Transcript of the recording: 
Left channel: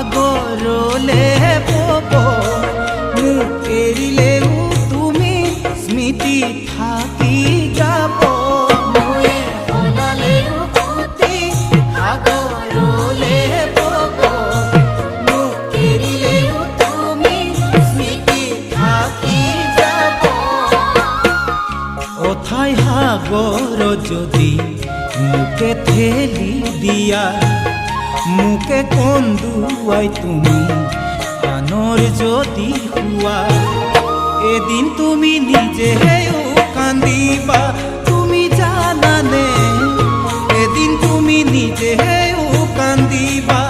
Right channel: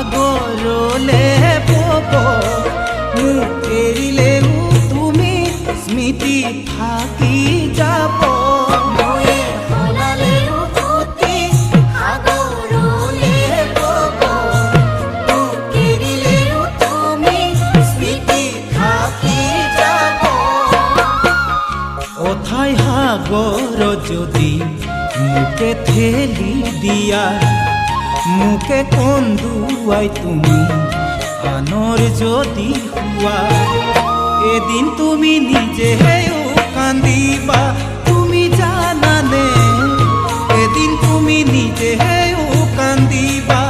সাগরলে পব মোক এৰিলেও তুমি স্মৃতি থাকি যাব। অথাই সাগর যদি মুকে ঠেলি দিয়া, মুকে কন্দুৱাই তুমি আনৰ যদি হুৱা, এদিন তুমি নিজেও কান্দিবা। তুমি জানানে এদিন তুমি নিজেও কান্দিবা।